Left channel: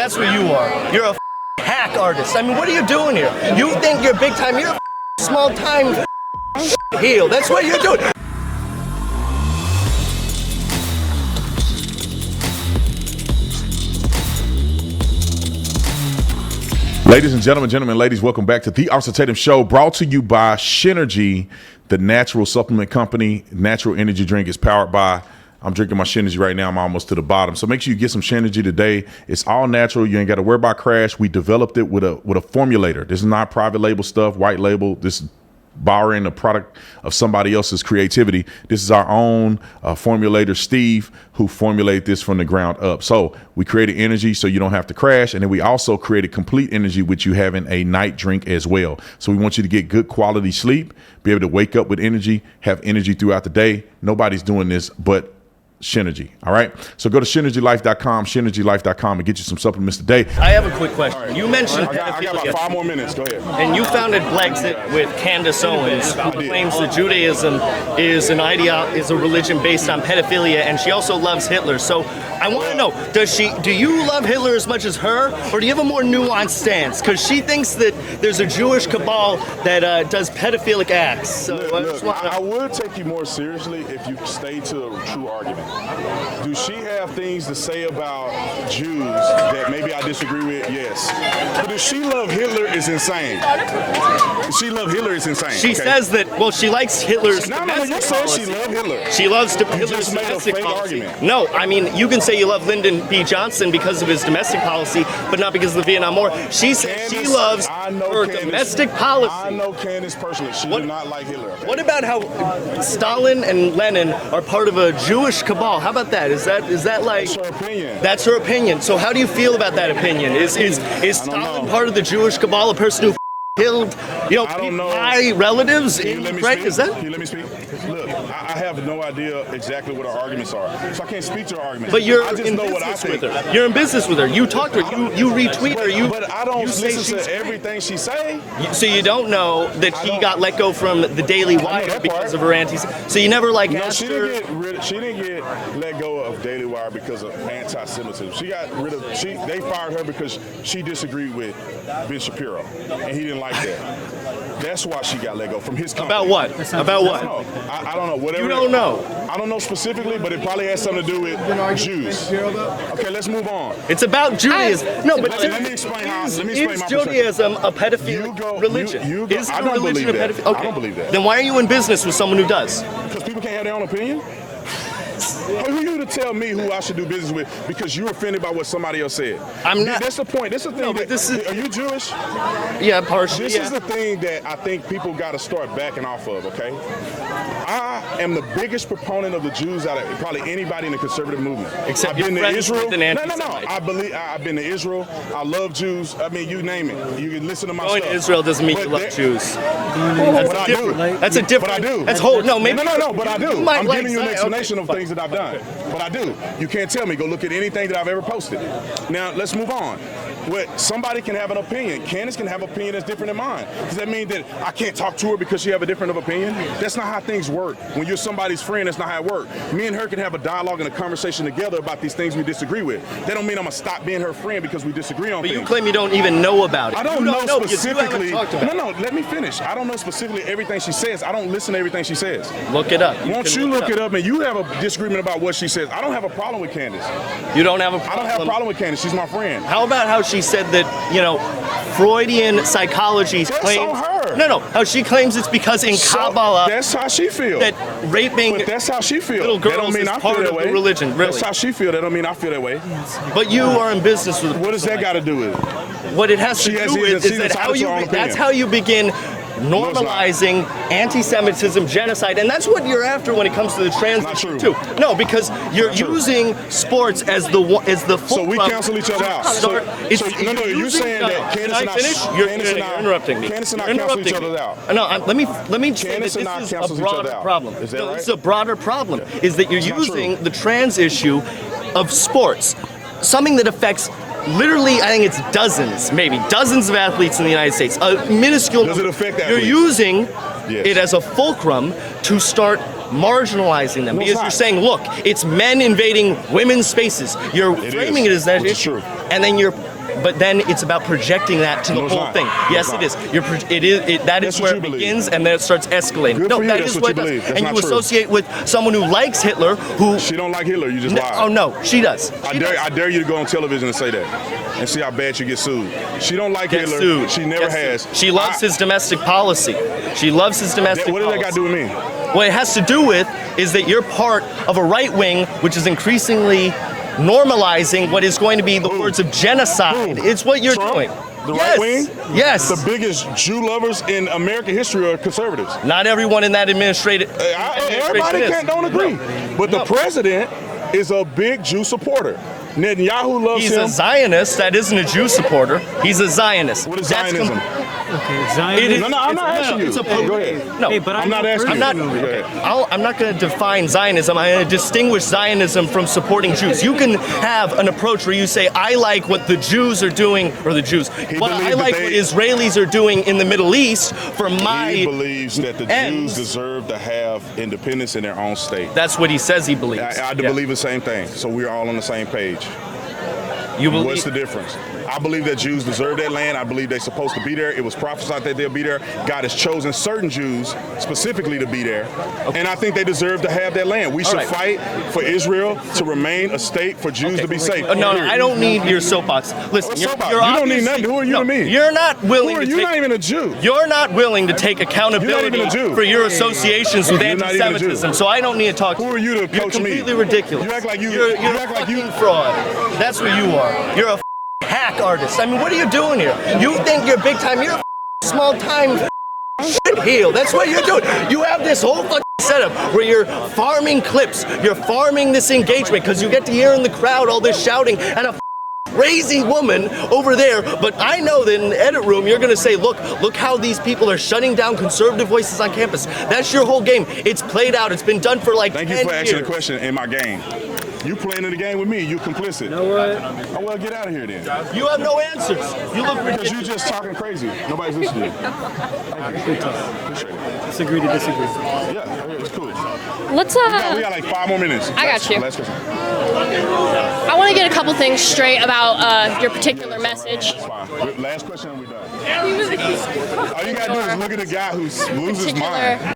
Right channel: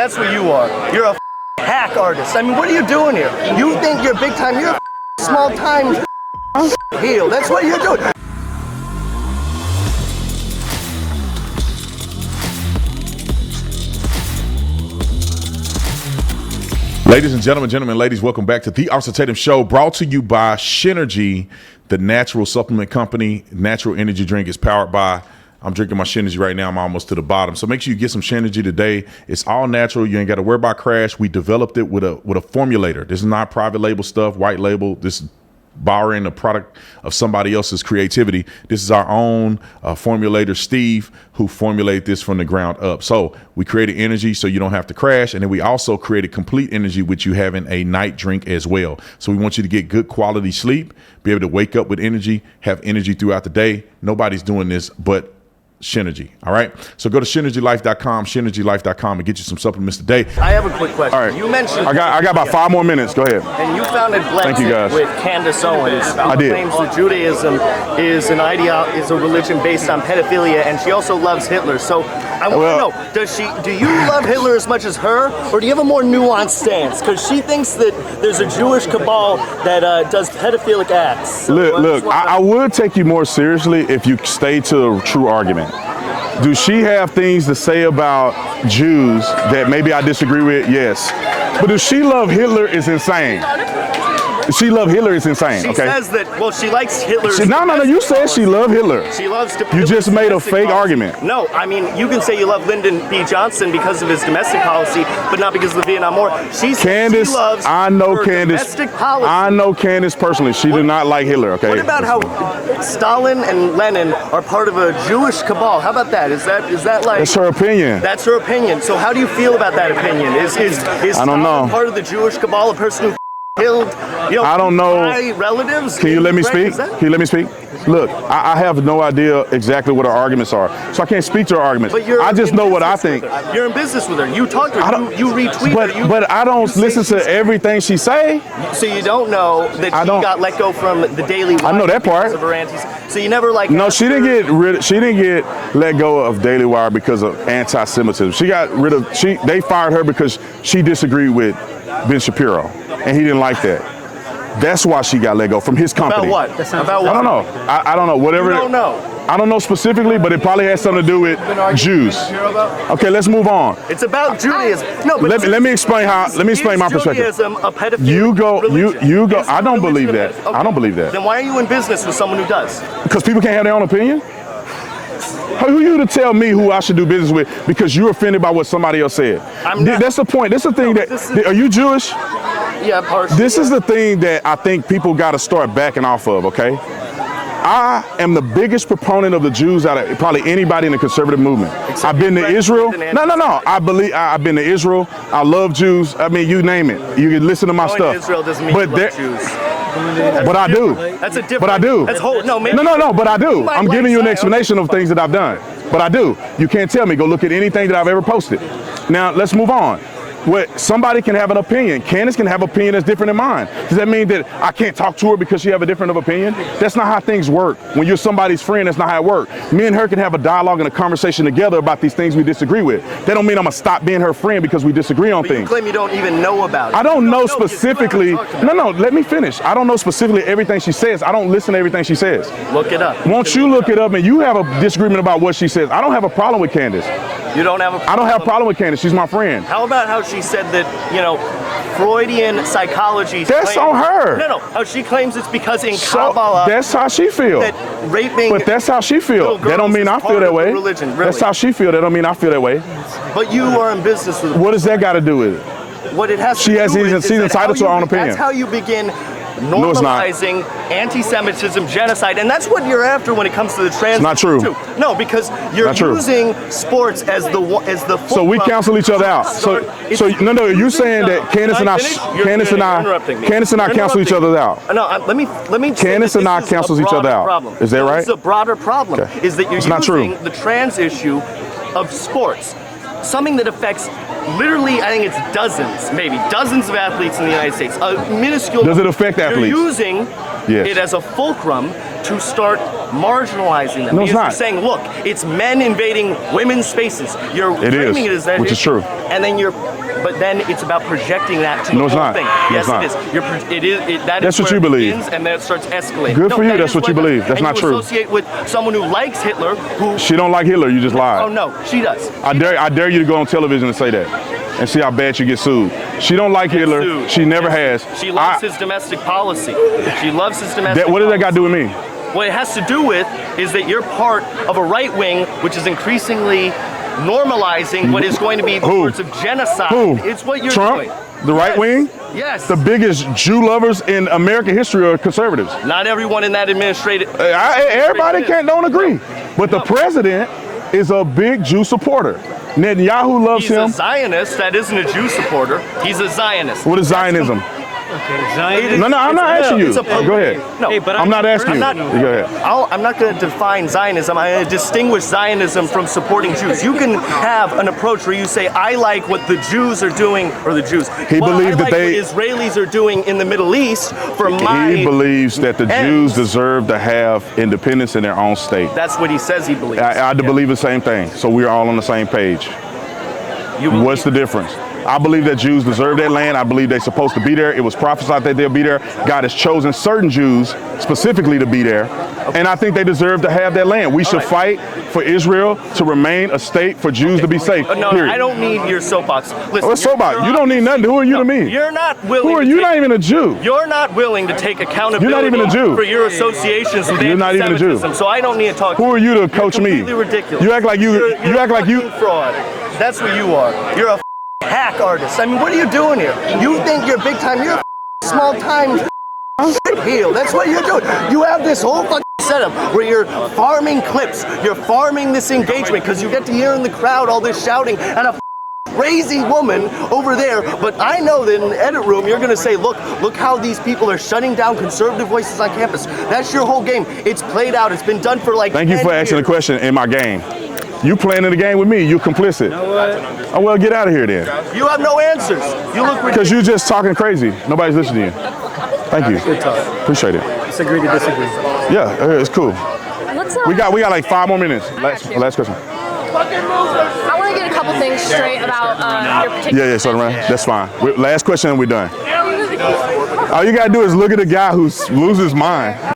That's what you are. You're a hack artist. I mean, what are you doing here? You think you're big time? You're a small time heel. That's what you're doing. Ladies and gentlemen, ladies, welcome back to the Tatum Show, brought to you by SHINERGY, the natural supplement company. Natural energy drink is powered by, I'm drinking my SHINERGY right now. I'm almost to the bottom. So make sure you get some SHINERGY today. It's all natural. You ain't got to worry about crash. We developed it with a formulator. This is not private label stuff, white label. This is borrowing a product of somebody else's creativity. This is our own formulator, Steve, who formulated this from the ground up. So we created energy so you don't have to crash. And then we also created complete energy, with you having a night drink as well. So we want you to get good quality sleep, be able to wake up with energy, have energy throughout the day. Nobody's doing this but SHINERGY. All right. So go to SHINERGYlife.com, SHINERGYlife.com, and get you some supplements today. I have a quick question. All right. You mentioned I got about 5 more minutes. Go ahead. And you founded Deflection with Candace Owens, who claims that Judaism is a religion based on pedophilia, and she also loves Hitler. So I want to know, do you love Hitler as much as her, or do you have a more nuanced stance? Because she thinks that there's a Jewish cabal that does pedophilic acts. So look, I would take you more seriously if you stay to the true argument. Do she have things to say about Jews that maybe I disagree with? Yes. But does she love Hitler is insane. She loves Hitler is insane. She says that, well, she likes Hitler. No, you said she loved Hitler. She loves to. You just made a fake argument. No, I mean, you can say you love Lyndon B. Johnson because of his domestic policy, but not because of the Vietnam War. She loves domestic policy. I know Candace personally. She did not like Hitler, okay? What about how Stalin and Lenin are part of a Jewish cabal? How about that? Is that like... That's her opinion. That's her opinion. So how do you feel about that opinion? Is Stalin part of the Jewish cabal, a person who killed, I don't know. Relatives? Can you let me speak? Can you let me speak? Look, I have no idea exactly what her arguments are, so I can't speak to her arguments. But I just know what I think. You're in business with her. You talk to her. You retweet her. But I don't listen to everything she say. So you don't know that she got let go from the Daily Wire. I know that part. Because of her so you never like. No, she didn't get let go of Daily Wire because of anti-Semitism. She got rid of. They fired her because she disagreed with Ben Shapiro, and he didn't like that. That's why she got let go from his company. About what? About what? I don't know. I don't know. Whatever. You don't know. I don't know specifically, but it probably has something to do with Jews. Okay, let's move on. It's about Judaism. No, but let me explain how. Let me explain my perspective. Judaism a pedophile You go. I don't believe that. Okay. I don't believe that. Then why are you in business with someone who does? Because people can't have their own opinion. Who are you to tell me who I should do business with because you're offended by what somebody else said? I'm not. That's the point. That's the thing are you Jewish? Yeah, partially. This is the thing that I think people got to start backing off of, okay? I am the biggest proponent of the Jews out of probably anybody in the conservative movement. I've been to Israel. No. I've been to Israel. I love Jews. I mean, you name it. You can listen to my stuff. Israel doesn't mean you love Jews. But I do. That's a different. But I do. No. But I do. I'm giving you an explanation of things that I've done. But I do. You can't tell me. Go look at anything that I've ever posted. Now let's move on. Somebody can have an opinion. Candace can have an opinion that's different than mine. Does that mean that I can't talk to her because she have a different opinion? That's not how things work. When you're somebody's friend, that's not how it works. Me and her can have a dialogue and a conversation together about these things we disagree with. That don't mean I'm gonna stop being her friend because we disagree on things. You claim you don't even know about it. I don't know specifically. No, let me finish. I don't know specifically everything she says. I don't listen to everything she says. Look it up. Won't you look it up and you have a disagreement about what she says? I don't have a problem with Candace. You don't have a problem? I don't have a problem with Candace. She's my friend. How about how she said that, Freudian psychology. That's on her. No. How she claims it's because in Kabbalah. That's how she feels. That raping. But that's how she feels. That don't mean I feel that way. Religion, really. That's how she feels. That don't mean I feel that way. But you are in business with her. What does that got to do with it? What it has to do with she's entitled to her own opinion. That's how you begin normalizing anti-Semitism, genocide, and that's what you're after when it comes to the trans. It's not true. Too. No, because you're using sports as the So we cancel each other out. So you're saying that Candace and I cancel each other out. No, let me. Candace and I cancels each other out. Is that right? It's a broader problem. Okay. Is that you're using the trans issue of sports, something that affects. Literally, I think it's dozens of athletes in the United States. A minuscule. Does it affect athletes? You're using Yes. it as a fulcrum to start marginalizing them. No, it's because you're not. saying, look, it's men invading women's spaces. You're It framing is, it as that. which is true. And then but then it's about projecting that to No, the it's whole not. thing. No, Yes, it's not. it is. That That's is what where you it believe. begins, and then it starts escalating. Good for you, that that's is what you it does. believe. That's and not you true. associate with someone who likes Hitler, who She don't like Hitler, you just lied. Oh no, she does. I dare you to go on television and say that, and see how bad you get sued. She don't like Hitler. Sued. She never Yes. has. She loves his domestic policy. She loves his domestic What does that got to do with me? What it has to do with is that you're part of a right wing which is increasingly normalizing what is going to be the Who? words of genocide. Who? It's what you're Trump? doing. The right Yes. wing? Yes. The biggest Jew lovers in American history are conservatives. Not everyone in that administration. Everybody don't agree. But the president is a big Jew supporter. Netanyahu loves He's him. a Zionist. That isn't a Jew supporter. He's a Zionist. What is That's Zionism? Okay, Zionism. No, I'm not asking you. it's a Go ahead. No, Hey, but I'm not asking you. I'm Go ahead. I'm not going to define Zionism. I'm going to distinguish Zionism from supporting Jews. You can have an approach where you say, I like what the Jews are doing, or the Jews. He believed that what Israelis are doing in the Middle East for my... He believes that the Jews ends. deserve to have independence in their own state. That's what he says he believes. I believe the same thing. So we're all on the same page. You believe- What's the difference? I believe that Jews deserve that land. I believe they're supposed to be there. It was prophesied that they'll be there. God has chosen certain Jews specifically to be there. And I think they deserve to have that land. We should fight for Israel to remain a state for Jews to be safe. No, Period. I don't need your soapbox. Listen, What's soapbox? You don't need nothing. Who are you to me? You're not willing. Who are to you? take- Not even a Jew. You're not willing to take accountability You're not even a Jew. for your associations with You're not even a Jew. anti-Semitism. So I don't need to talk. Who are you to coach You're me? completely ridiculous. You act like you. You're You act like you. fucking fraud. That's what you are. You're a hack artist. I mean, what are you doing here? You think you're big time? You're a small time shit heel. That's what you're doing. You have this whole fucking setup where you're farming clips. You're farming this engagement because you get to hear in the crowd all this shouting and a crazy woman over there. But I know that in the edit room you're gonna say, look how these people are shutting down conservative voices on campus. That's your whole game. It's played out. It's been done for like Thank you 10 for asking the years. question in my game. You playing in the game with me. You complicit. Oh well, get out of here then. You have no answers. You look ridiculous. Because you're just talking crazy. Nobody's listening to you. Thank you. Good talk. Appreciate it. Disagree to disagree. Yeah, it's cool. Let's We got like 5 more minutes. I got you. Last question. I want to get a couple things straight about your particular Yeah, so message. that's fine. Last question and we're done. All you gotta do is look at the guy who loses his mind.